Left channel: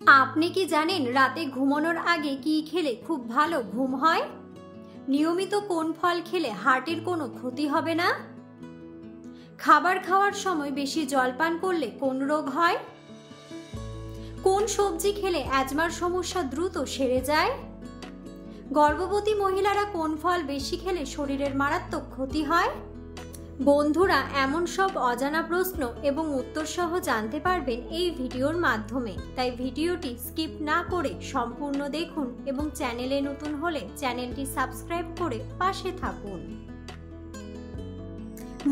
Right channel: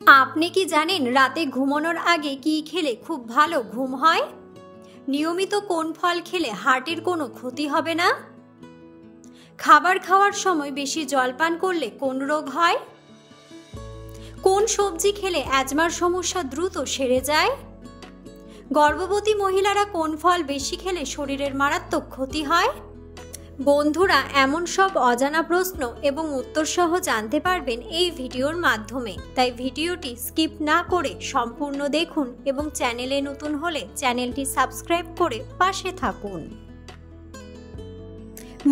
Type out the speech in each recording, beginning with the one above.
আপনি কি জানেন রাতে ঘুমানোর আগে কি খেলে খুব ভালো ঘুম হয়? নিয়মিত কোন ফল খেলে হার্টের কোনো ক্ষতি হবে না? খাবার খাওয়ার সময় বেশি জল পান করলে কোন রোগ হয়? কোন সবজি খেলে অ্যাজমার সমস্যা দ্রুত সেরে যায়? গর্ভবতী মহিলারা কোন ফল বেশি খেলে শরীরের মারাত্মক ক্ষতি হয়? বন্ধুরা, এমন সব অজানা প্রশ্ন এবং উত্তর সহ জানতে পারবেন এই ভিডিওর মাধ্যমে, তাই ভিডিওটি স্কিপ না করে সম্পূর্ণ দেখুন এবং চ্যানেলে নতুন হলে চ্যানেলটি সাবস্ক্রাইব করে পাশে থাকুন।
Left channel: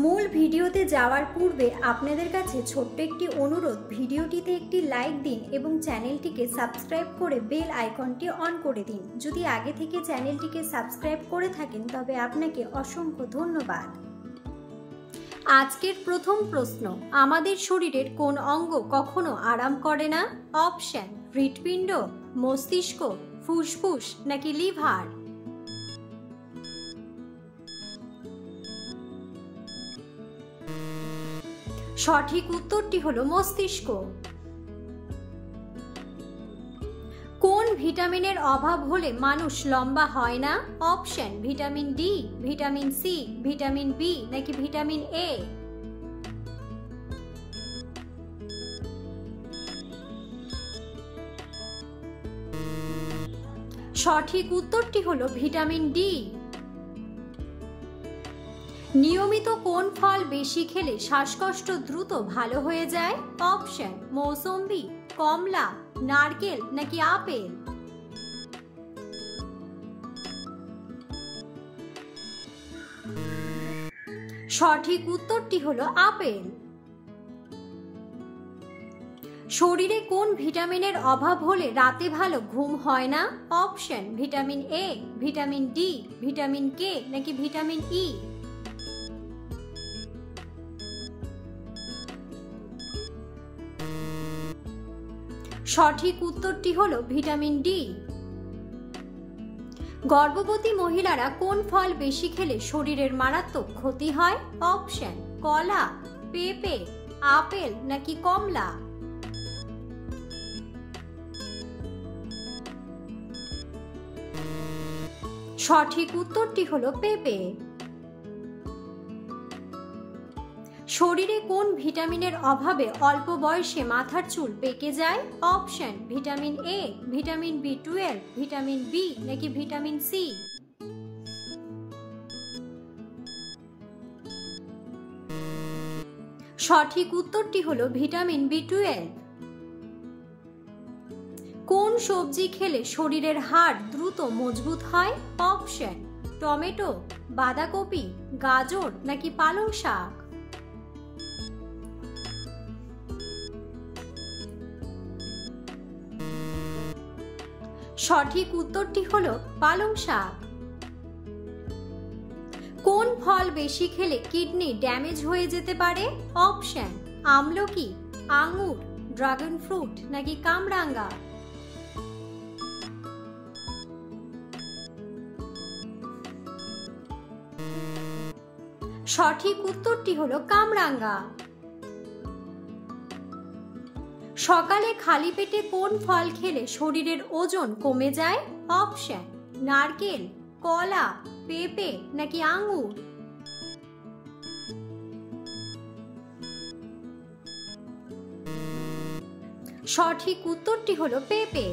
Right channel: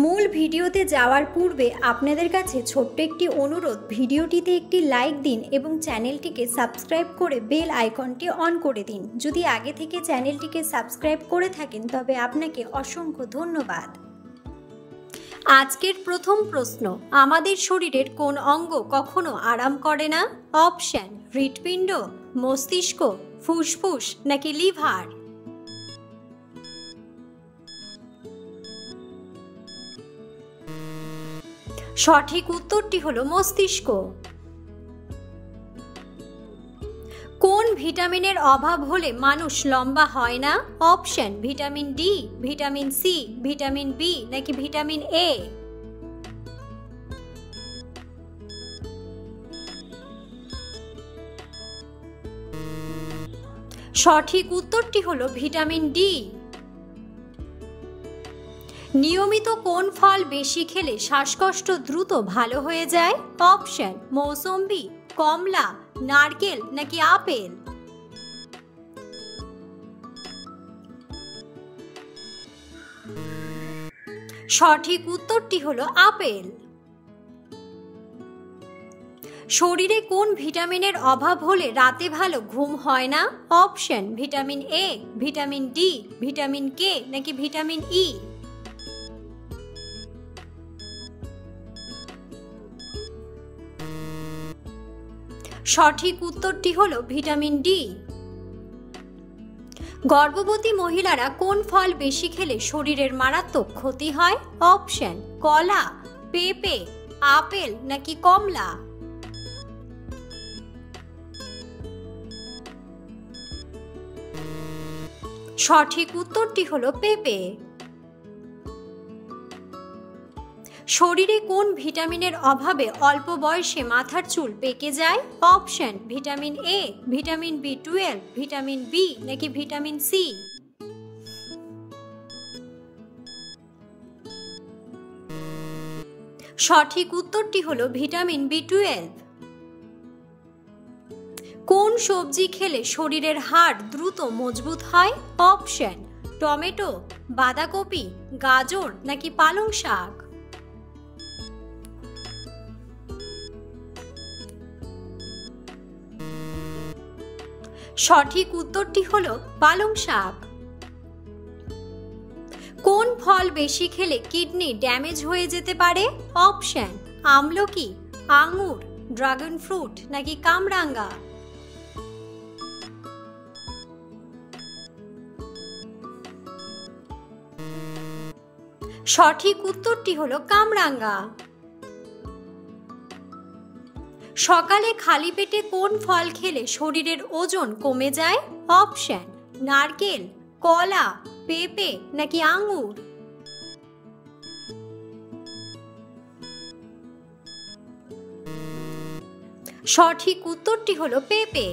মূল ভিডিওতে যাওয়ার পূর্বে আপনাদের কাছে ছোট্ট একটি অনুরোধ, ভিডিওটিতে একটি লাইক দিন এবং চ্যানেলটিকে সাবস্ক্রাইব করে বেল আইকনটি অন করে দিন। যদি আগে থেকে চ্যানেলটিকে সাবস্ক্রাইব করে থাকেন তবে আপনাকে অসংখ্য ধন্যবাদ। আজকের প্রথম প্রশ্ন, আমাদের শরীরের কোন অঙ্গ কখনো আরাম করে না? অপশন: হৃৎপিণ্ড, মস্তিষ্ক, ফুসফুস নাকি লিভার? সঠিক উত্তরটি হলো মস্তিষ্ক। কোন ভিটামিনের অভাব হলে মানুষ লম্বা হয় না? Option: vitamin D, vitamin C, vitamin B নাকি ভিটামিন এ? সঠিক উত্তরটি হলো ভিটামিন ডি। নিয়মিত কোন ফল বেশি খেলে শ্বাসকষ্ট দ্রুত ভালো হয়ে যায়? অপশন: মৌসম্বি, কমলা, নারকেল নাকি আপেল? সঠিক উত্তরটি হলো আপেল। শরীরে কোন ভিটামিনের অভাব হলে রাতে ভালো ঘুম হয় না? Option: vitamin A, vitamin D, vitamin K নাকি ভিটামিন ই? সঠিক উত্তরটি হলো ভিটামিন ডি। গর্ভবতী মহিলারা কোন ফল বেশি খেলে শরীরের মারাত্মক ক্ষতি হয়? অপশন: কলা, পেঁপে, আপেল নাকি কমলা? সঠিক উত্তরটি হলো পেঁপে। শরীরে কোন ভিটামিনের অভাবে অল্প বয়সে মাথার চুল পেকে যায়? অপশন: ভিটামিন এ, ভিটামিন বি12, ভিটামিন বি নাকি ভিটামিন সি? সঠিক উত্তরটি হলো ভিটামিন বি12। কোন সবজি খেলে শরীরের হাড় দ্রুত মজবুত হয়? অপশন: টমেটো, বাঁধাকপি, গাজর নাকি পালং শাক? সঠিক উত্তরটি হলো পালং শাক। কোন ফল বেশি খেলে কিডনি ড্যামেজ হয়ে যেতে পারে? অপশন: আমলকি, আঙ্গুর, ড্রাগন ফ্রুট নাকি কামরাঙ্গা? সঠিক উত্তরটি হলো কামরাঙ্গা। সকালে খালি পেটে কোন ফল খেলে শরীরের ওজন কমে যায়? অপশন: নারকেল, কলা, পেঁপে নাকি আঙ্গুর? সঠিক উত্তরটি হলো পেঁপে।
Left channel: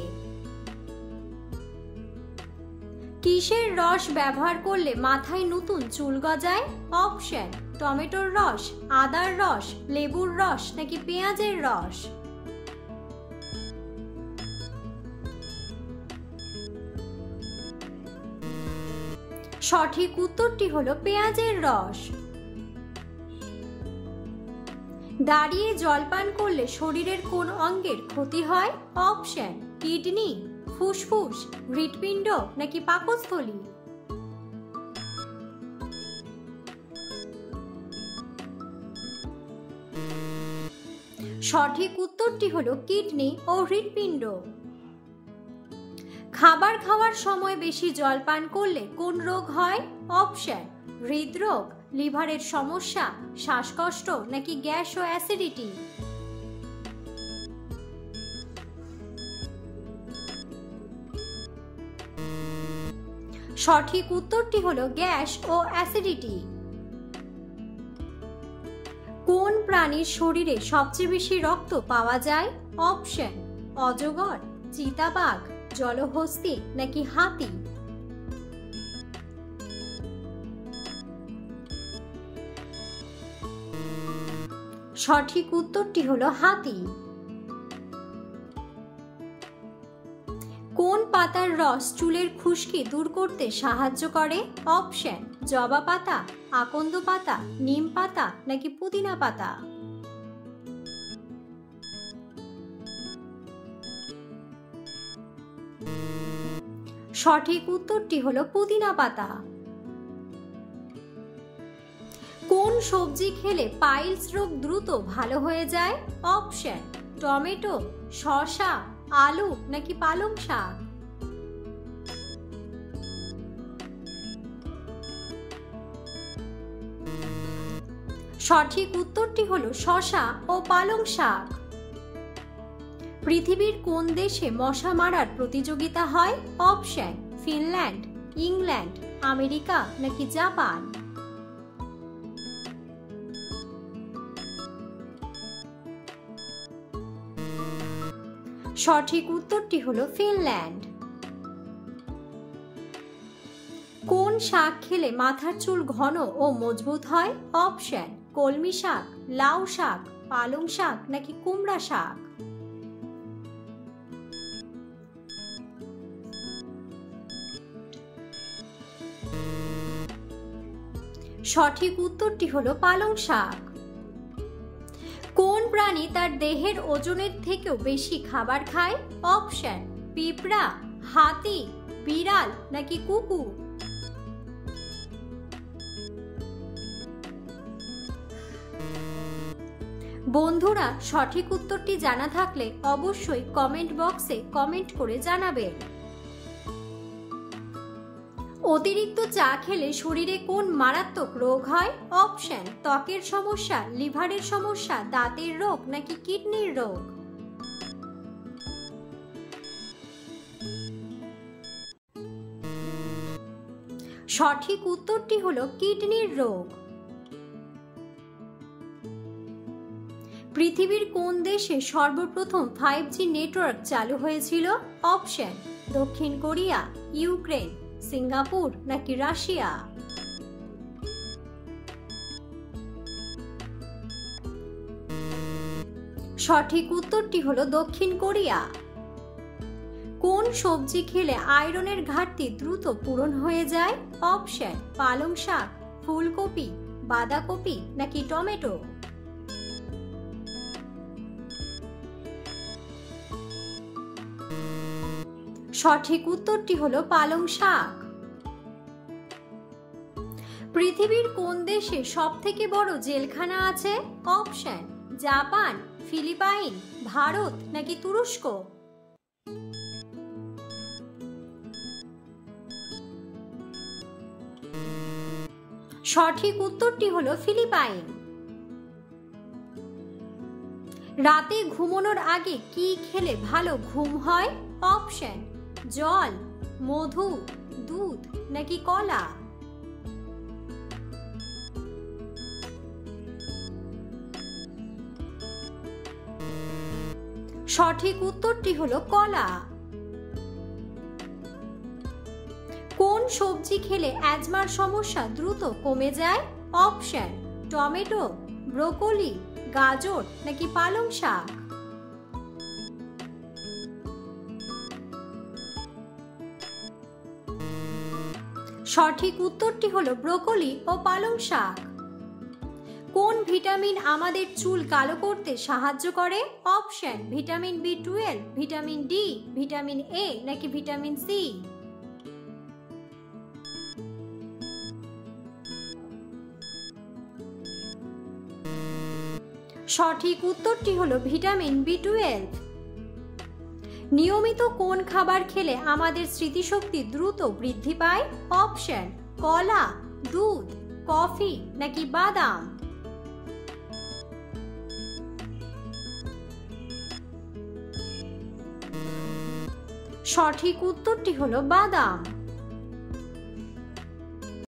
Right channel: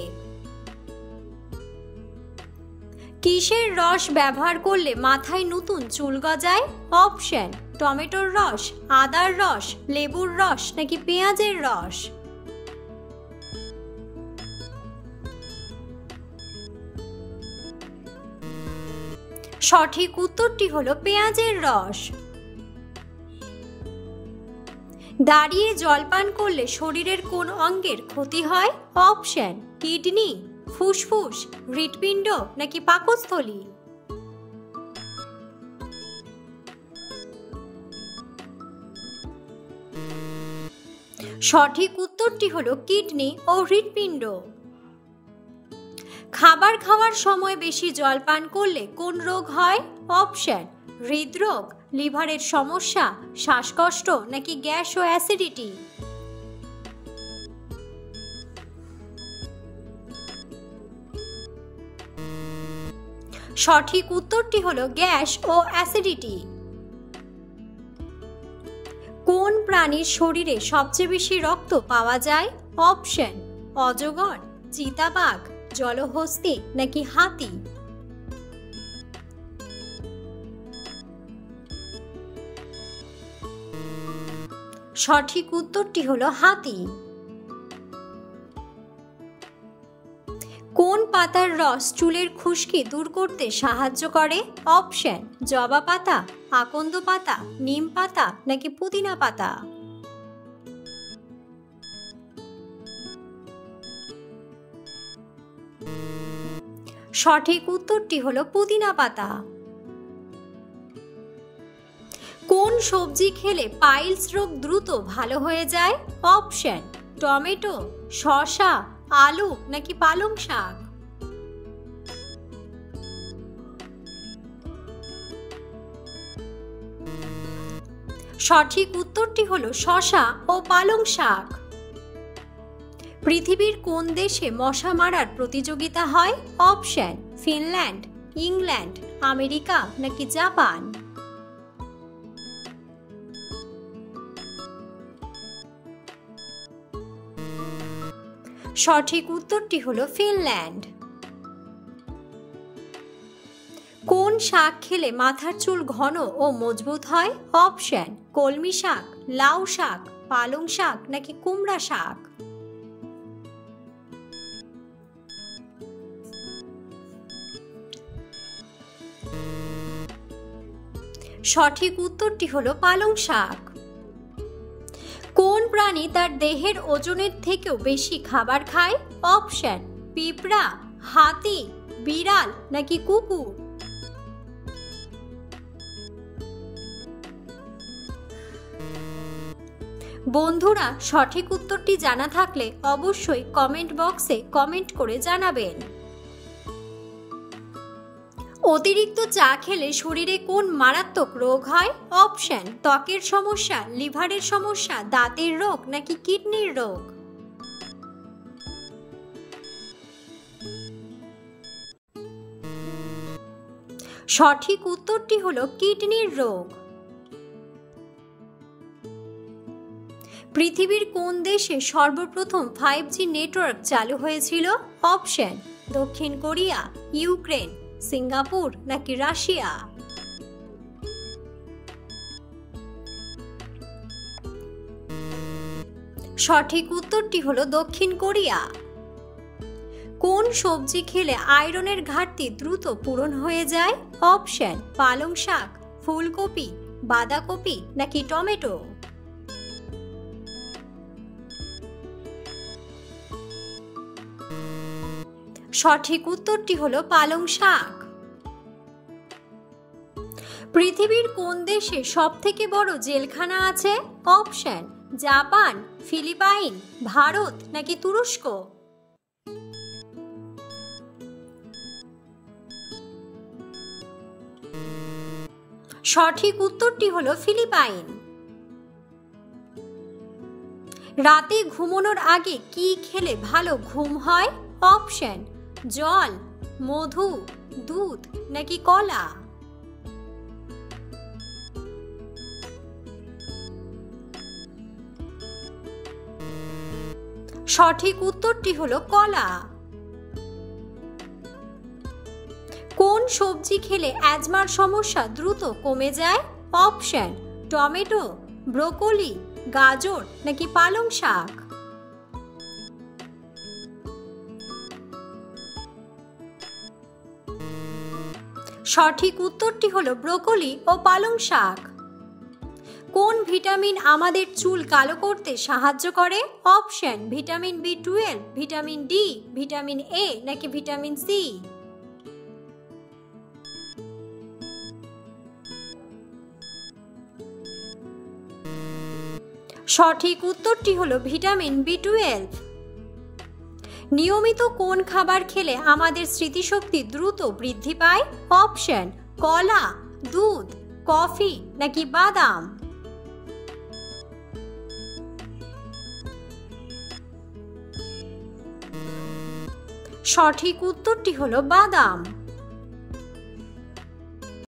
কিসের রস ব্যবহার করলে মাথায় নতুন চুল গজায়? অপশন: টমেটোর রস, আদার রস, লেবুর রস নাকি পেঁয়াজের রস? সঠিক উত্তরটি হলো পেঁয়াজের রস। দাঁড়িয়ে জল পান করলে শরীরের কোন অঙ্গের ক্ষতি হয়? অপশন: কিডনি, ফুসফুস, হৃৎপিণ্ড নাকি পাকস্থলী? সঠিক উত্তরটি হলো কিডনি ও হৃৎপিণ্ড। খাবার খাওয়ার সময় বেশি জল পান করলে কোন রোগ হয়? অপশন: হৃদরোগ, লিভারের সমস্যা, শ্বাসকষ্ট নাকি গ্যাস ও অ্যাসিডিটি? সঠিক উত্তরটি হলো গ্যাস ও অ্যাসিডিটি। কোন প্রাণীর শরীরে সবচেয়ে বেশি রক্ত পাওয়া যায়? অপশন: অজগর, চিতাবাঘ, জলহস্তী নাকি হাতি। সঠিক উত্তরটি হলো হাতি। কোন পাতার রস চুলের খুশকি দূর করতে সাহায্য করে? অপশন: জবা পাতা, আকন্দ পাতা, নিম পাতা নাকি পুদিনা পাতা। সঠিক উত্তরটি হলো পুদিনা পাতা। কোন সবজি খেলে পাইলস রোগ দ্রুত ভালো হয়ে যায়? অপশন: টমেটো, শসা, আলু নাকি পালং শাক। সঠিক উত্তরটি হলো শসা ও পালং শাক। পৃথিবীর কোন দেশে মশা মারার প্রতিযোগিতা হয়? অপশন: ফিনল্যান্ড, ইংল্যান্ড, আমেরিকা নাকি জাপান। সঠিক উত্তরটি হলো ফিনল্যান্ড। কোন শাক খেলে মাথার চুল ঘন ও মজবুত হয়? অপশন: কলমি শাক, লাউ শাক, পালং শাক নাকি কুমড়া শাক। সঠিক উত্তরটি হলো পালং শাক। কোন প্রাণী তার দেহের ওজনের থেকেও বেশি খাবার খায়? অপশন: পিঁপড়া, হাতি, বিড়াল নাকি কুকুর। বন্ধুরা, সঠিক উত্তরটি জানা থাকলে অবশ্যই কমেন্ট বক্সে কমেন্ট করে জানাবেন। অতিরিক্ত চা খেলে শরীরে কোন মারাত্মক রোগ হয়? অপশন: ত্বকের সমস্যা, লিভারের সমস্যা, দাঁতের রোগ নাকি কিডনির রোগ। সঠিক উত্তরটি হলো কিডনির রোগ। পৃথিবীর কোন দেশে সর্বপ্রথম 5G নেটওয়ার্ক চালু হয়েছিল? অপশন: দক্ষিণ কোরিয়া, ইউক্রেন, সিঙ্গাপুর নাকি রাশিয়া। সঠিক উত্তরটি হলো দক্ষিণ কোরিয়া। কোন সবজি খেলে আয়রনের ঘাটতি দ্রুত পূরণ হয়ে যায়? অপশন: পালং শাক, ফুলকপি, বাঁধাকপি নাকি টমেটো। সঠিক উত্তরটি হলো পালং শাক। পৃথিবীর কোন দেশে সবথেকে বড় জেলখানা আছে? অপশন: জাপান, ফিলিপাইন, ভারত নাকি তুরস্ক। সঠিক উত্তরটি হলো ফিলিপাইন। রাতে ঘুমানোর আগে কি খেলে ভালো ঘুম হয়? অপশন: জল, মধু, দুধ নাকি কলা। সঠিক উত্তরটি হলো কলা। কোন সবজি খেলে অ্যাজমার সমস্যা দ্রুত কমে যায়? অপশন: টমেটো, ব্রোকলি, গাজর নাকি পালং শাক। সঠিক উত্তরটি হলো ব্রোকলি ও পালং শাক। কোন ভিটামিন আমাদের চুল কালো করতে সাহায্য করে? Option: vitamin B12, vitamin D, vitamin A নাকি ভিটামিন সি। সঠিক উত্তরটি হলো ভিটামিন B12। নিয়মিত কোন খাবার খেলে আমাদের স্মৃতিশক্তি দ্রুত বৃদ্ধি পায়? অপশন: কলা, দুধ, কফি নাকি বাদাম। সঠিক উত্তরটি হলো বাদাম।